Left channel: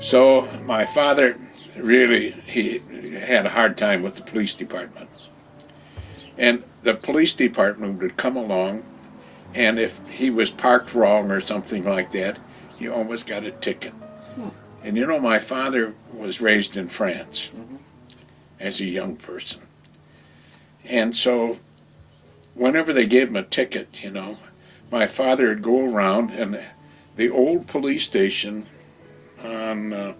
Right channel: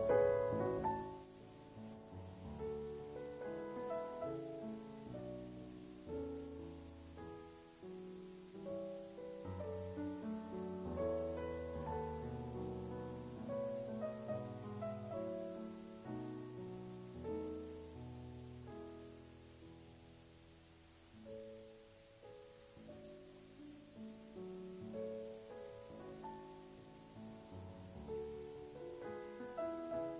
So my father really, he had a hard time with the police department. And the police department would come along, and if he was parked wrong or something like that, he always got a ticket. And you know, my father was raised in France as a young person. And so whenever they gave him a ticket, you know, my father would go around, and the old police station on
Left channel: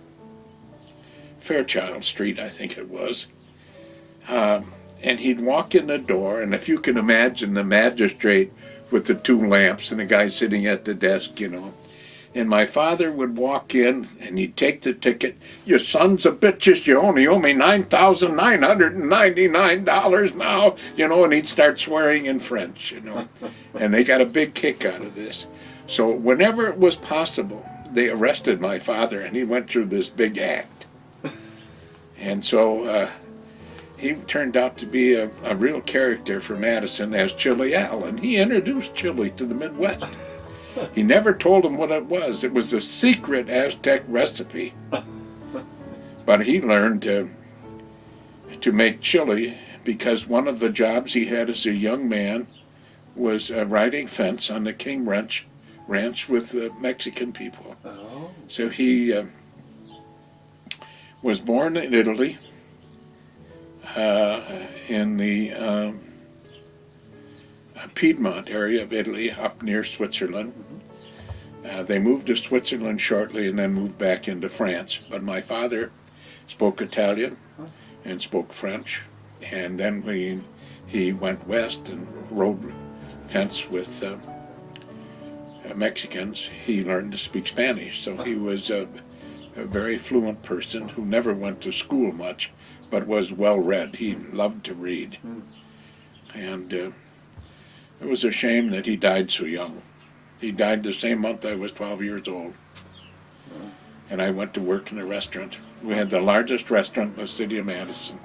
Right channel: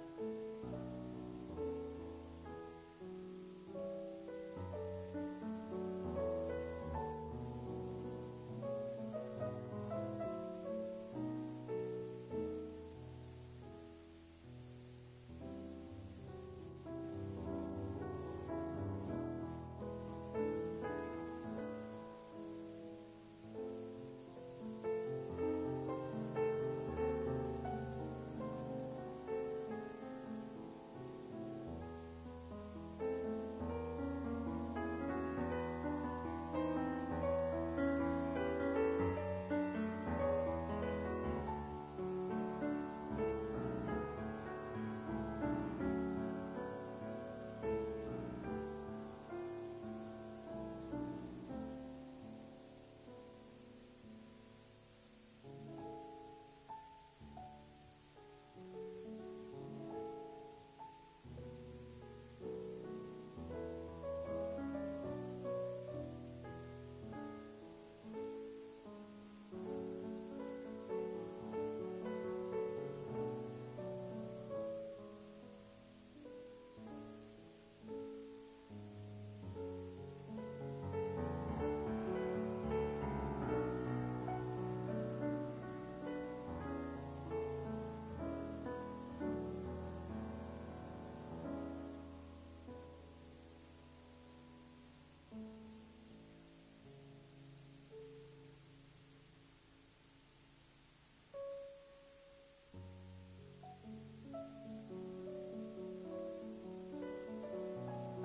Fairchild Street, I think it was, and he'd walk in the door, and if you can imagine the magistrate with the two lamps and the guy sitting at the desk, you know, and my father would walk in and he'd take the ticket. "You sons of bitches, you only owe me $9,999 now," you know, and he'd start swearing in French, you know, and they got a big kick out of this. So whenever it was possible, they arrested my father, and he went through this big act. And so he turned out to be a real character for Madison as Chili Al, and he introduced chili to the Midwest. He never told them what it was. It was a secret Aztec recipe. But he learned to make chili because one of the jobs he had as a young man was riding fence on the King Ranch with Mexican people. Oh. So he was born in Italy, in the Piedmont area of Italy, up near Switzerland. They moved to Switzerland shortly and then moved back into France. But my father spoke Italian and spoke French. And then when he went west and rode fence with Mexicans, he learned to speak Spanish. So he was a very fluent person who never went to school much, but was well read. He loved to read. And it was a shame that he died so young. He died the same month I was 12 years old. And I went to work in a restaurant. We had the largest restaurant in the city of Madison.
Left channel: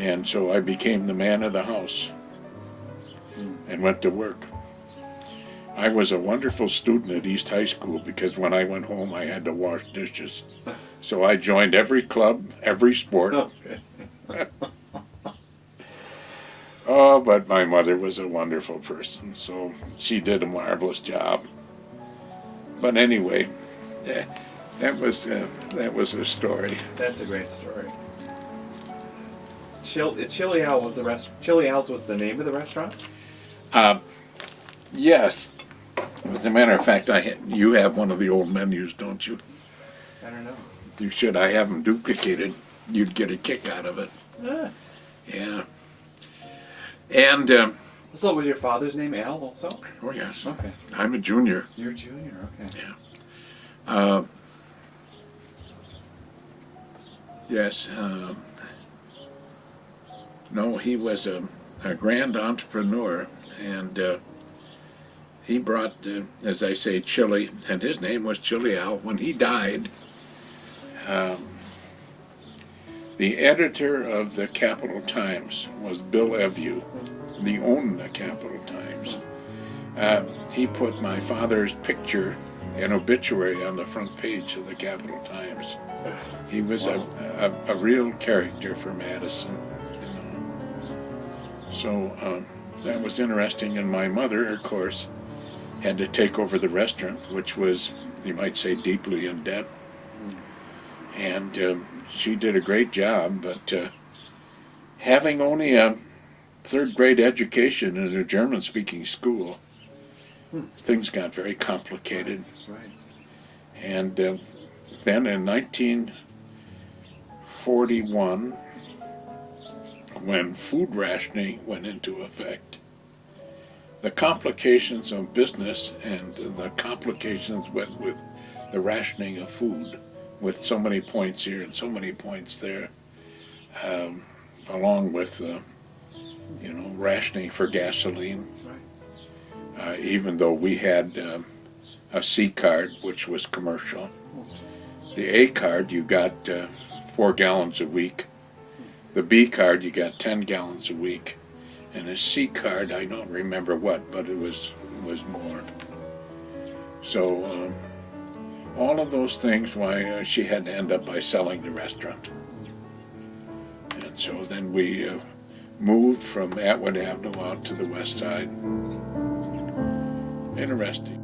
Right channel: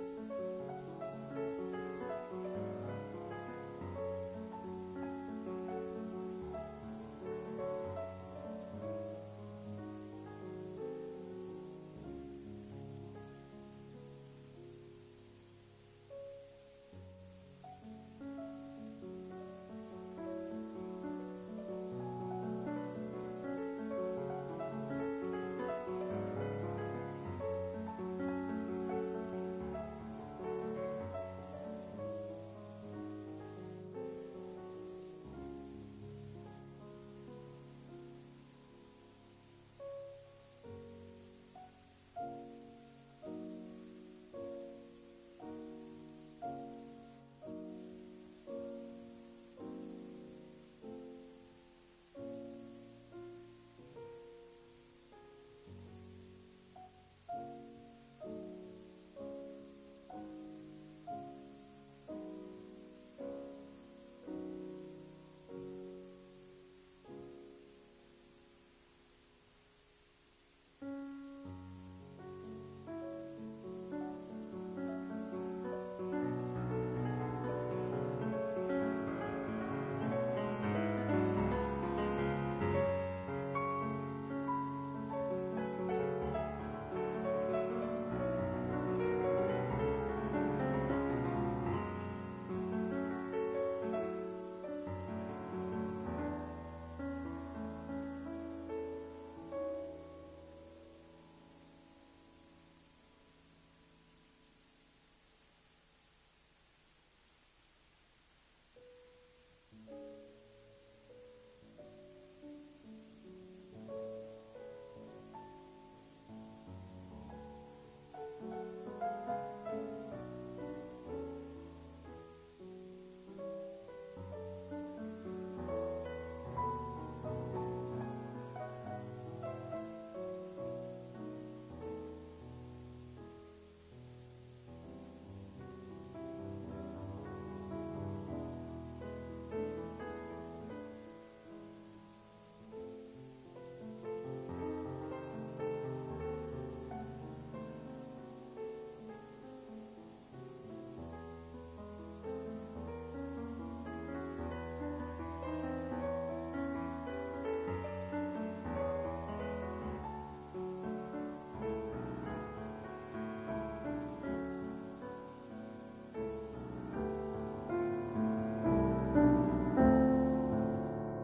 And so I became the man of the house and went to work. I was a wonderful student at East High School because when I went home I had to wash dishes. So I joined every club, every sport. Oh, but my mother was a wonderful person, so she did a marvelous job. But anyway, that was a story. That's a great story. Chili Al was the Chili Al's was the name of the restaurant? Yes. As a matter of fact, you have one of the old menus, don't you? I don't know. You should. I have them duplicated. You'd get a kick out of it. Yeah. And so was your father's name Al also? oh yes. Okay. I'm a junior. You're a junior. Okay. Yeah. Yes. No, he was a grand entrepreneur, and he brought, as I say, chili, and his name was Chili Al. When he died, the editor of the Capital Times was Bill Evue. He owned the Capital Times. He put my father's picture and obituary on the front page of the Capital Times. He was a real character for Madison. So that was interesting, and my mother, of course, had to take over the restaurant, which was, you might say, deeply in debt. And she did a great job, but having only a third-grade education in a German-speaking school, things got very complicated. Right. And then in 1941, when food rationing went into effect, the complications of business and the complications went with the rationing of food, with so many points here and so many points there, along with rationing for gasoline. Right. Even though we had a C card, which was commercial. The A card, you got 4 gallons a week. The B card, you got 10 gallons a week. And the C card, I don't remember what, but it was more. So all of those things why she had to end up by selling the restaurant. And so then we moved from Atwood Avenue out to the west side. Interesting.